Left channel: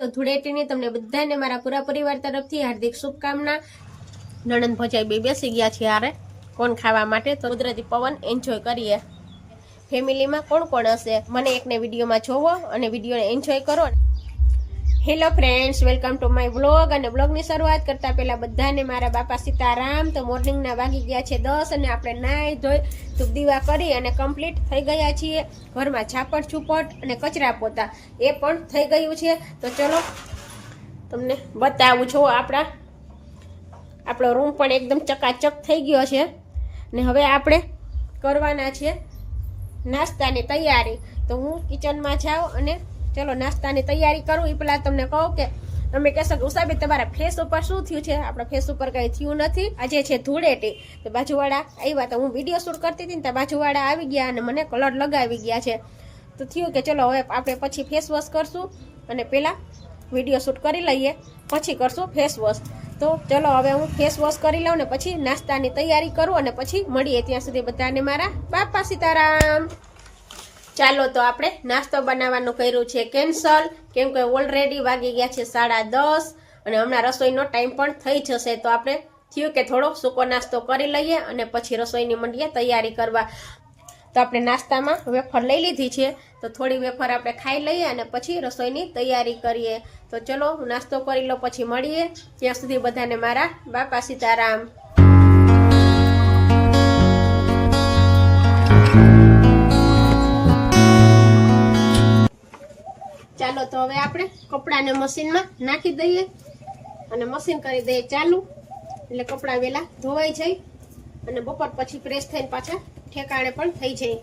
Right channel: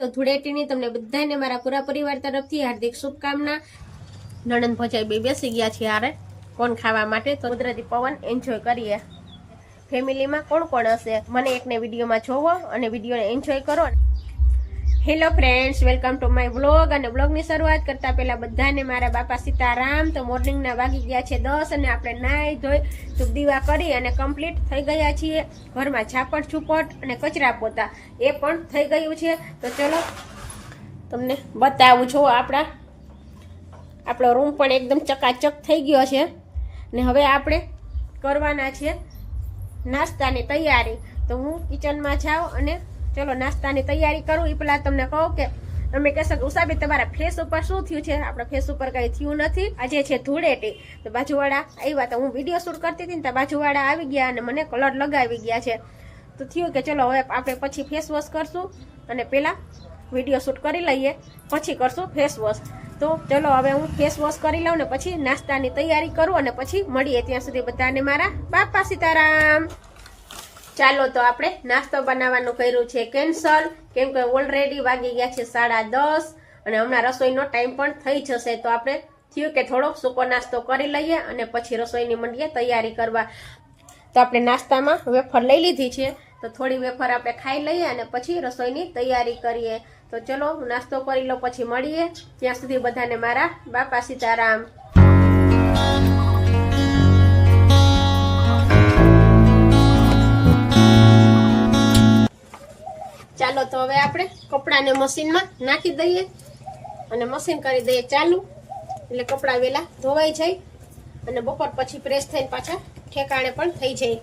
તો ધૂળેટીની તમને બધાને મારા પૂરા પરિવાર તરફથી હાર્દિક શુભકામના। નણંદ ભજાઈ બે બેસી ગયા છે હારે કોણ ખાવા માટે, તો કુદરતી પવન એન્જોય કરીએ। ફેમિલીમાં કોણ કોણ હશે મને એકને વિડીયોમાં જોવો અને વિડીયોને એન્જોય કરો। Hello friends, welcome to my vlog. અને વ્લોગની શરૂઆત કરતા પહેલા બધાને મારા બાપા સીતારામ। તો મોર્નિંગના વાગી ગયા છે 10 અને આપણે નાહી ધોઈ ધૂપ દીવા કરી અને કમ્પ્લીટ થઈ ગયા છીએ। ઘરમાં ઝાપટ છુપટ અને કચરા પોતા એ પણ થઈ ગયું છે। તો ચલો તમને બતાવું છું, આપણો રૂમ પણ એકદમ ચકાચક થઈ ગયો છે ને હવે આપણે કરવાના છે નાસ્તાની તૈયારી। તો હું કિચનમાં જાઉં અને ચલો નાસ્તાની તૈયારી કરું। એ પહેલાં તમને કહું કે તમે કહેશો કે ઉષાબેન તમારા ફેસ ઉપર શું થયું છે? આપણા ફેસ ઉપર કંઈ થયું નથી। આજે છે ધૂળેટી, તો બાજુવાળા આવ્યા, તો હું વિડીયો શૂટ કરતી હતી ને તો બાજુવાળા આવી ગયા અને મને કલર લગાવી ગયા છે। તો થયું કે ચલો હવે આપણે પછી ફેસ વોશ કરશું અને પહેલાં વિડીયો શૂટ કરી લઈએ, પછી કરશું ફેસ વોશ। તો ચલો હવે હું ફેસ વોશ કરી લઉં ને પછી નાસ્તાની તૈયારી કરું અને પછી મળીએ। ત્યાં સુધી બધાને મારા બાપા સીતારામ। ચાલો તો આપણે નાસ્તો બનાવવાનું કર્યું છે કેન્સલ, કેમ કે ઓલરેડી વાગી ગયા છે 10:30 અને હમણાં રસોઈનો ટાઈમ પણ થઈ જશે। તો આપણે થયું કે થોડો સૂકો નાસ્તો કરી લઈએ અને પછી રસોઈની મંડીએ તૈયારી કરવા। તો આપણે નાસ્તામાં વેફર લઈ લીધી છે, તો થોડી વેફર આપણે ખાઈ લઈએ અને પછી રસોઈની તૈયારી કરીએ। તો ચલો નાસ્તો કરી લો પછી મળીએ। ત્યાં સુધી બધાને મારા બાપા સીતારામ। ચાલો તો હવે આપણે કપડાને મશીનમાં નાખી દઈએ અને મશીન કરી દઈએ ચાલુ, એટલે કપડાં વહેલા ધોવાઈ જાય અને બપોર પછી પ્રેસ થઈને પાછા ઠેકાણે પણ થઈ જાય।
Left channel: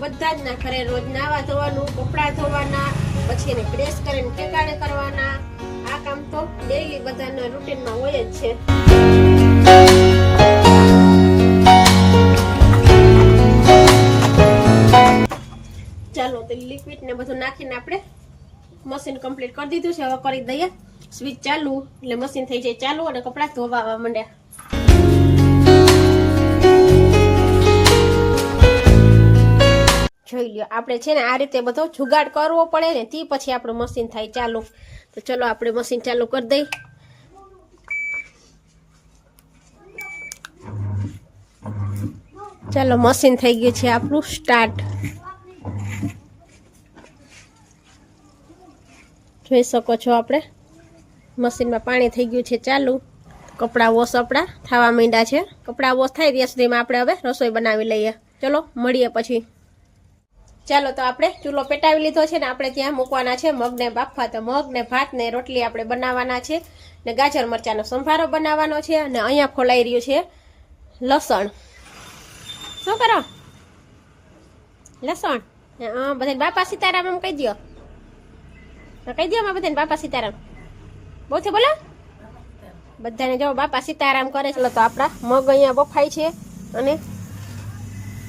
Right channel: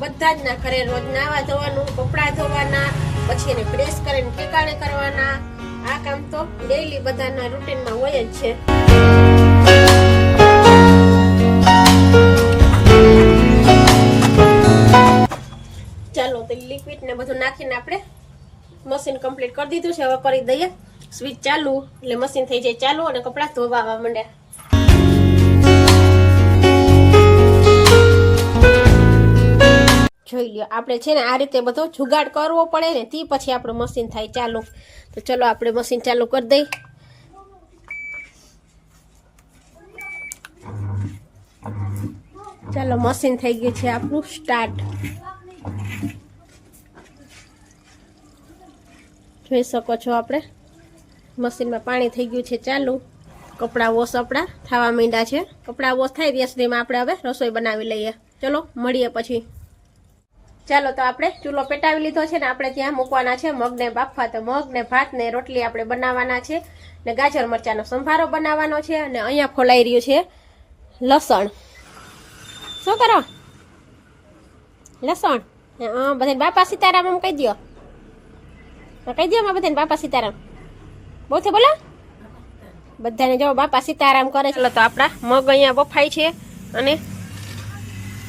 બધા જ ના ઘરે રોજ નાવા ધોવાનું, કપડાં ધોવાના, પછી એને પ્રેસ કરીને ઠેકાણે કરવાના, આ કામ તો ડેઈલી બધાના રૂટીનમાં હોય જ છે। ચાલો તો લિક્વિડ ને બધું નાખીને આપણે મશીન કમ્પ્લીટ કરી દીધું છે। હવે કરી દઈએ સ્વિચ ચાલુ, એટલે મશીન થઈ જાય ચાલુ અને કપડાં ધોવા માંડે। જોઈ લ્યો, આપણે છે ને આ રીતે બધો જુગાડ કરવો પડે ને તે પછી આપણું મશીન થાય ચાલુ। તો ચલો આપણે મશીન ચાલુ કરી દઈએ। ચાલો મશીન થઈ ગયું છે આપણું સ્ટાર્ટ। જોઈ શકો છો આપણે મશીનમાં પાણી થઈ ગયું છે ચાલુ। કપડાં વોશ આપણા થવા માંડ્યા છે। કપડાં વોશ થાય ત્યાં સુધીમાં આપણે હવે રસોઈ બનાવી લઈએ। ચલો મળીએ પછી। ચાલો તો આપણે ચૂલો પેટાવી લીધો છે ને આપણે ત્યાં મૂકવાના છે મગને બાફવા। તો મગ ને ભાત ને રોટલી આપણે બનાવવાના છે ને ગાજર મરચાંનો સંભારો બનાવવાનો છે અને અહીંયા ફોલાઈ રહ્યું છે લસણ। શું કરો? લસણ? હા, બધાને બાપા સીતારામ એમ કહી દો, કહી દો બધાને બાપા સીતારામ। બહુ છે બોલો, બધાને જો બાપા સીતારામ કરે। ચાલો તો આપણા મગ અહીંયા બફાય છે અને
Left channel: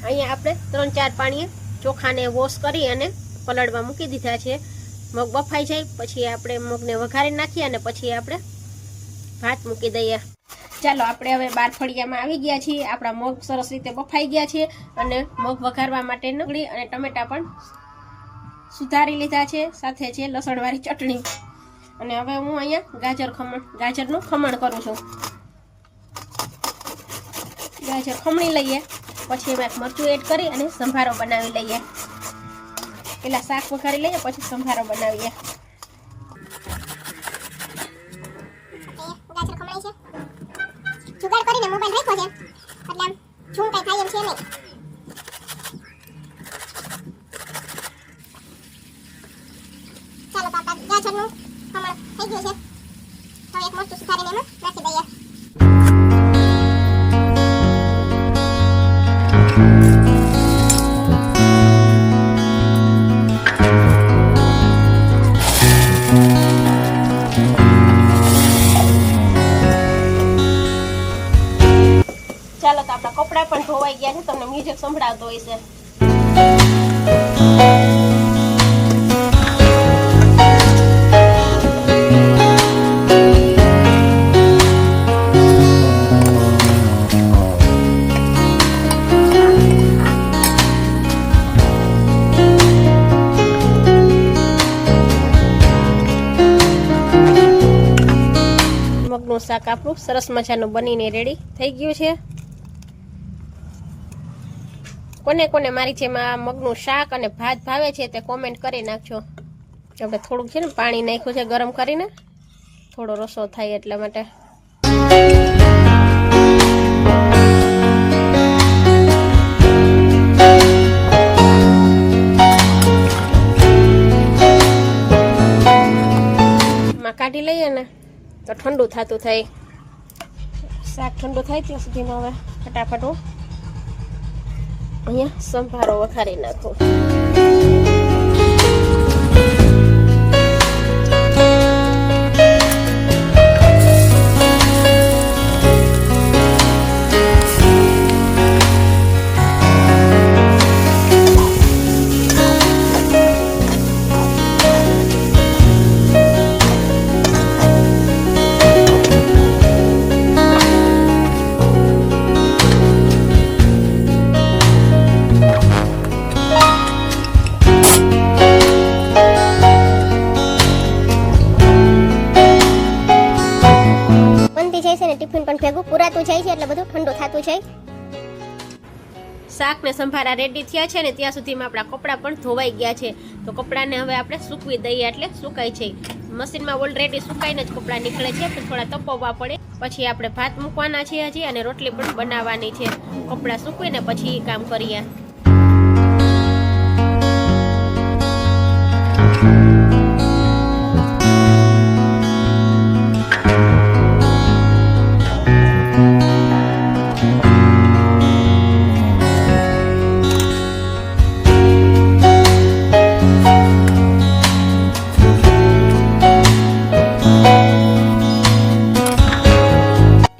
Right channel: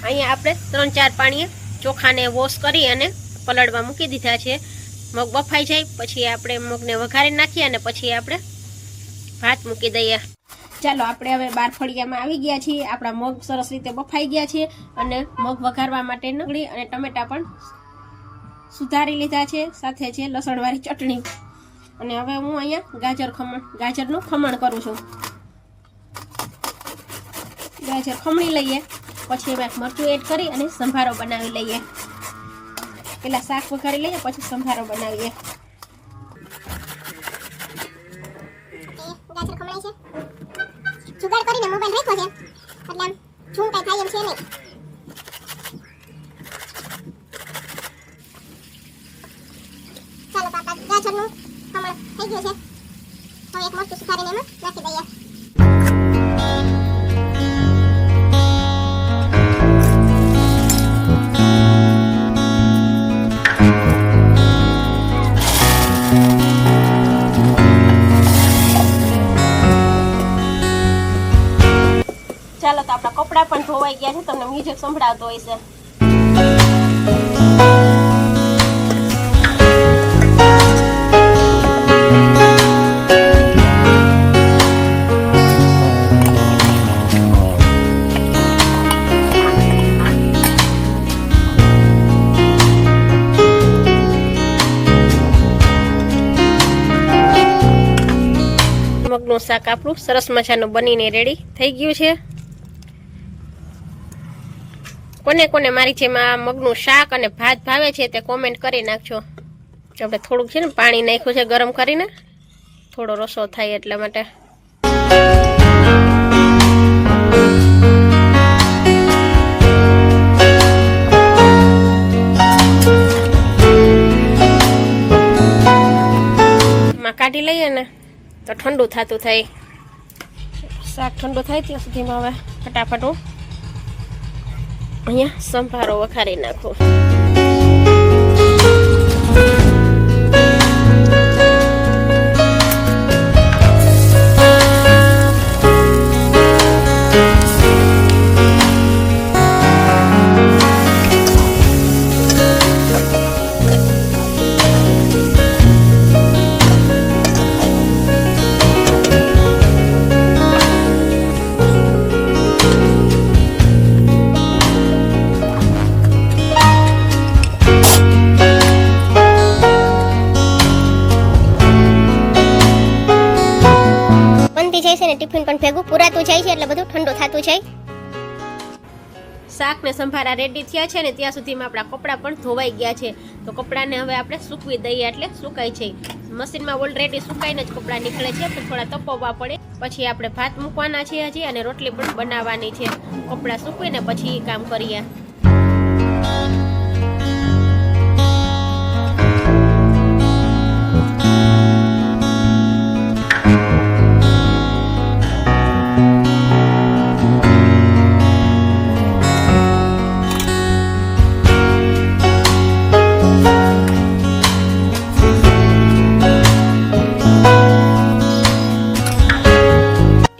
અહીંયા આપણે 3-4 પાણીએ ચોખાને વોશ કરી અને પલળવા મૂકી દીધા છે। મગ બફાઈ જાય પછી આપણે મગને વઘારી નાખીએ અને પછી આપણે ભાત મૂકી દઈએ। ચાલો આપણે હવે 12 ફળિયામાં આવી ગયા છીએ। આપણા મગ સરસ રીતે બફાઈ ગયા છે અને મગ વઘારવા માટે ડુંગળી અને ટમેટા પણ સુધારી લીધા છે, સાથે છે લસણવાળી ચટણી। અને હવે હું અહીંયા ગાજરનું ખમણ કરું છું। ગાજર ખમણી લઈએ પછી એમાં મરચું એડ કરી અને સંભારો બનાવી લઈએ। પેલા શાક વઘારી લઈએ પછી સંભારો બનાવીએ। ગાજર ખમણાઈ છે, જુગાડ કરીને મોબાઈલ રાખ્યો છે એટલે આમ ઝૂમ કઈ થાય એમ છે નહીં। ચાલો પાપા ગાજરનું ખમણ થઈ ગયું છે, હવે એક મરચું સુધારીને એમાં નાખી દઈએ। ધોવાઈ ગયા છે, તમને મ્યુઝિક સંભળાવતો હોય છે. મગનું શાક આપણું સરસ મજાનું બનીને રેડી થઈ ગયું છે. કોને કોને મારી જેમ આ મગનું શાક અને ભાત ભાવે છે તે કોમેન્ટ કરી નાખજો. આપણે થોડુંક છે ને પાણી નાખ્યું છે ગરમ કરીને, થોડો રસો થાય એટલા માટે. માં કાઢી લઈએ ને તો ઠંડુ થતું થાય. શાક ઠંડુ થાય ત્યાં સુધીમાં હવે ફટાફટ હું અહીંયા સંભારો વઘારી નાખું. ટિફિન પણ ભેગું પૂરાતું જાય છે એટલે બધું ઠંડુ થતું જાય. શાક ને સંભારા રેડી થયા છે ને ત્યાં સુધીમાં આપણા કપડાં પણ ધોવાઈ ગયા છે. તો કપડાને હવે આપણે સૂકવી દઈએ એટલે સુકાય છે. મશીનમાં ઓલરેડી સુકાઈને જ કપડાં નીકળે છે, પણ થોડા તપવવા પડે. પછી આપણે ભાત મૂકવાના છે હજી, અને રોટલી પણ બનાવવાની છે. કપડાં સૂકવીને પછી કામ કરીએ.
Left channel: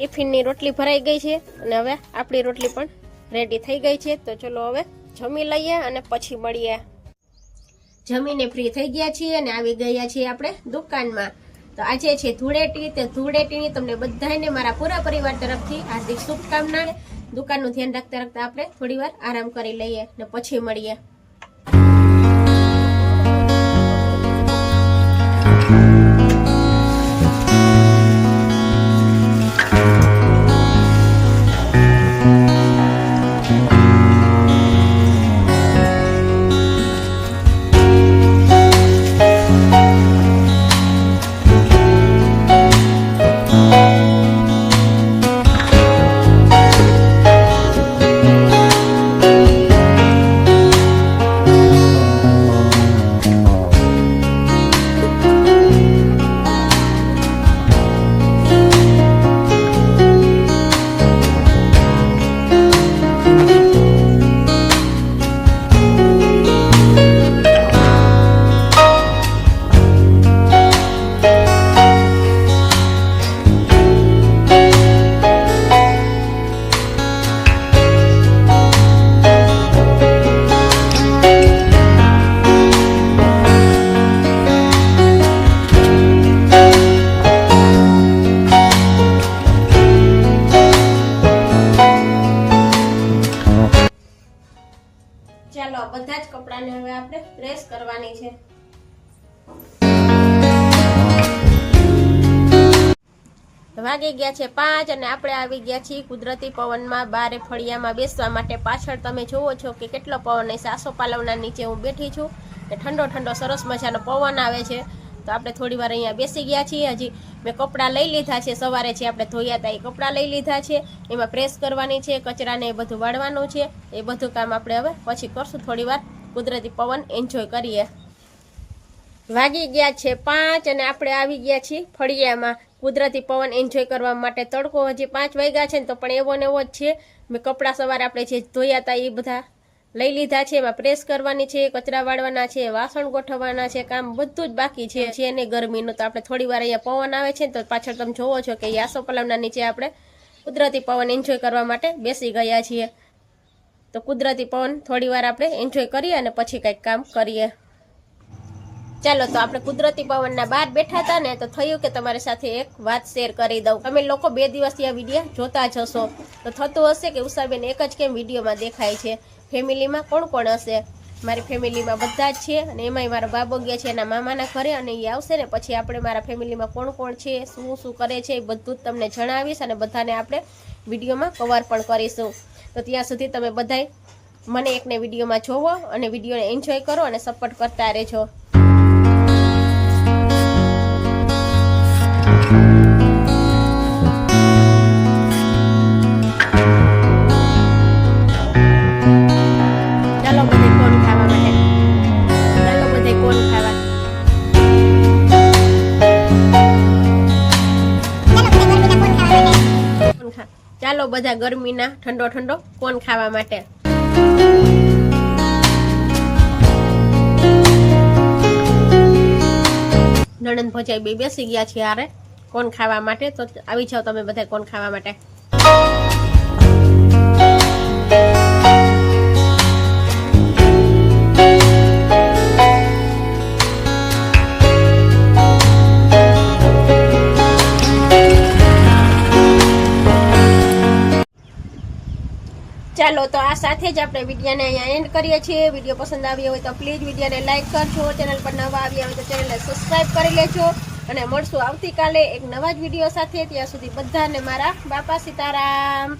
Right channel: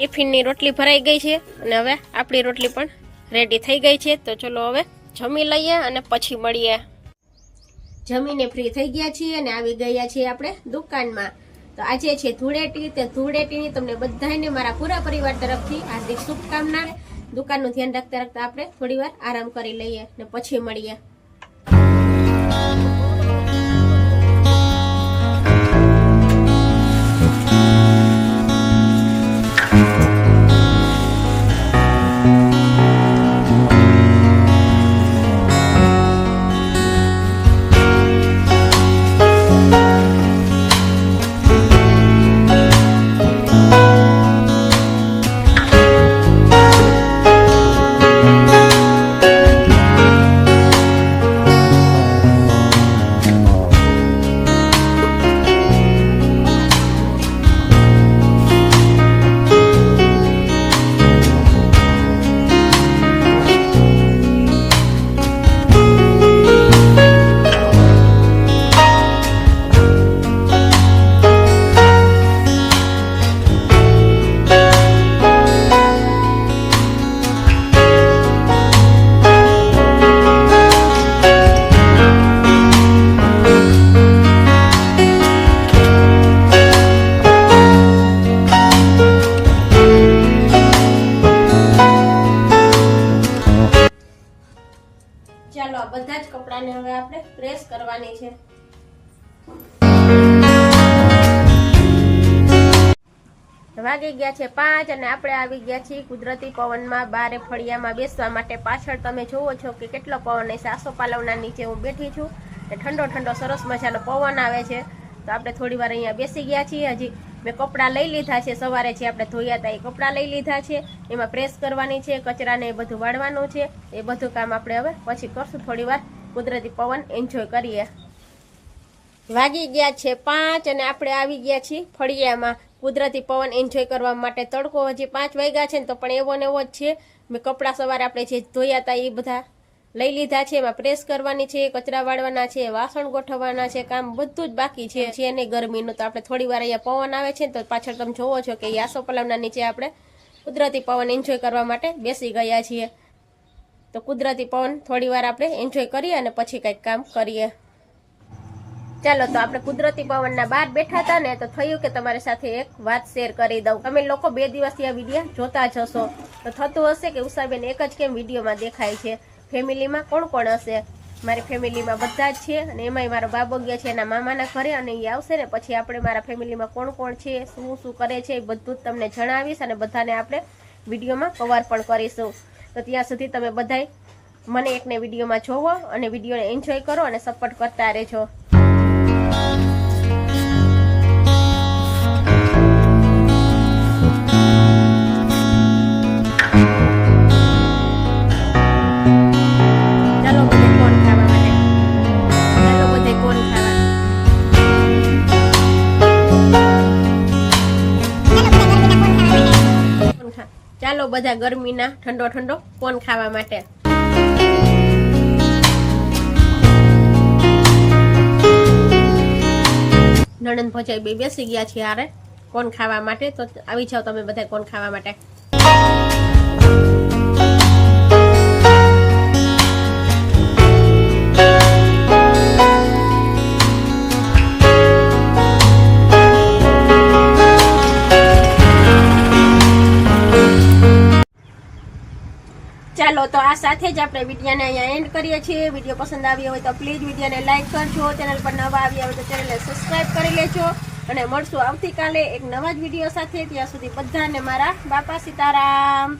ટિફિનની રોટલી ભરાઈ ગઈ છે અને હવે આપણી રોટલી પણ રેડી થઈ ગઈ છે. તો ચલો હવે જમી લઈએ અને પછી મળીએ. જમીને ફ્રી થઈ ગયા છીએ અને આવી ગયા છીએ આપણે દુકાનમાં. તો આજે છે ધૂળેટી. તે ધૂળેટીની તમને બધાને મારા પૂરા પરિવાર તરફથી હાર્દિક શુભકામના. દુકાનનું ધ્યાન રાખતા રાખતા આપણે થોડી વાર આરામ કરી લઈએ ને પછી મળીએ. ચાલો બધા જ કપડાને હવે આપણે પ્રેસ કરવાની છે. વાગી ગયા છે 5 અને આપણે આવી ગયા છીએ કુદરતી પવનમાં બારે ફળિયામાં બેસવા માટે. પાછળ તમે જોવો છો કે કેટલો પવન છે. આસોપાલવના નીચે હું બેઠી છું ને ઠંડો ઠંડો સરસ મજાનો પવન આવે છે. તો આપણે થોડી વાર અહીંયા બેસી ગયા છીએ. હજી મેં કપડાં લઈ લીધા છે, સવારે જે આપણે ધોયા હતા એ કપડાં લઈ લીધા છે. એમાં પ્રેસ કરવાની છે, કચરાને એ બધું વાળવાનું છે. એ બધું કામ આપણે હવે પછી કરશું. થોડી વાર કુદરતી પવન એન્જોય કરીએ. વાગી ગયા છે 5 અને આપણે આવી ગયા છીએ ફળિયામાં કુદરતી પવન એન્જોય કરવા માટે. તડકો હજી 5 વાગ્યા છે ને તો પણ એવો ને એવો જ છે. મેં કપડાં સવારે આપણે જે ધોયા હતા એ બધા લઈ લીધા છે. એમાં પ્રેસ કરવાની છે, કચરા વાળવાના છે, વાસણ ગોઠવવાના છે. કામ બધું જ બાકી છે એને ગરમીનું. તો આપણે થોડી વાર અહીંયા પવન આવે છે તો પાછળ તમે જોવો છો કે આસોપાલવના નીચે આપણે કુદરતી પવન એન્જોય કરવા માટે બેસી ગયા છીએ. તો કુદરતી પવન થોડી વાર આપણે એન્જોય કરીએ અને પછી કંઈક કામ કરીએ. ચાલો તો આપણે કુદરતી પવનના બહાર બેઠા હતા ને તો થયું કે તમારી સાથે એક વાત શેર કરી દઉં. તમે લોકો 2 દિવસથી આ વિડીયો જોતા જ હશો તો થતું હશે કે ઉષાબેન એક જ કેમ વિડીયોમાં દેખાય છે. ફેમિલીમાં કોણ કોણ હશે? મારી ફેમિલીમાં બધા જ છે અને એમાંય મારો બાબો ગયા છે એના મામાના ઘરે અને એ આવશે ને પછી આપણે મારા ફેમિલીમાં કોણ કોણ છે, શું શું કરે છે એ બધું જ તમને જણાવીશ અને બધાને આપણે વિડીયોમાં કવર પણ કરીશું. તો ત્યાં સુધી તમે બધાય મને એકને વિડીયોમાં જોવો અને વિડીયોને એન્જોય કરો અને સપોર્ટ કરતા રહેજો. ચાલો બધે કોણ ખાવા માટે, ચાલો બધે કોણ ખાવા. ચાલો બધા ગરમીના ઠંડો ઠંડો કોણ ખાવા માટે. નણંદ ભજાઈ બે બેસી ગયા છે યારે કોણ ખાવા માટે. તો આવી જાઓ તમે બધા કોણ ખાવા માટે. ચાલો તો આ સાથે જ આપણે વિડીયોને અહીંયા એન્ડ કરીએ છીએ. વિડીયો પસંદ આવ્યો હોય તો પ્લીઝ વિડીયોને લાઇક કરજો. ચેનલ પર નવા આવ્યા હોય તો ચેનલને સબસ્ક્રાઇબ કરી લેજો અને મળશું આવતીકાલે એક નવા જ વિડીયો સાથે. ત્યાં સુધી બધાને મારા બાપા સીતારામ.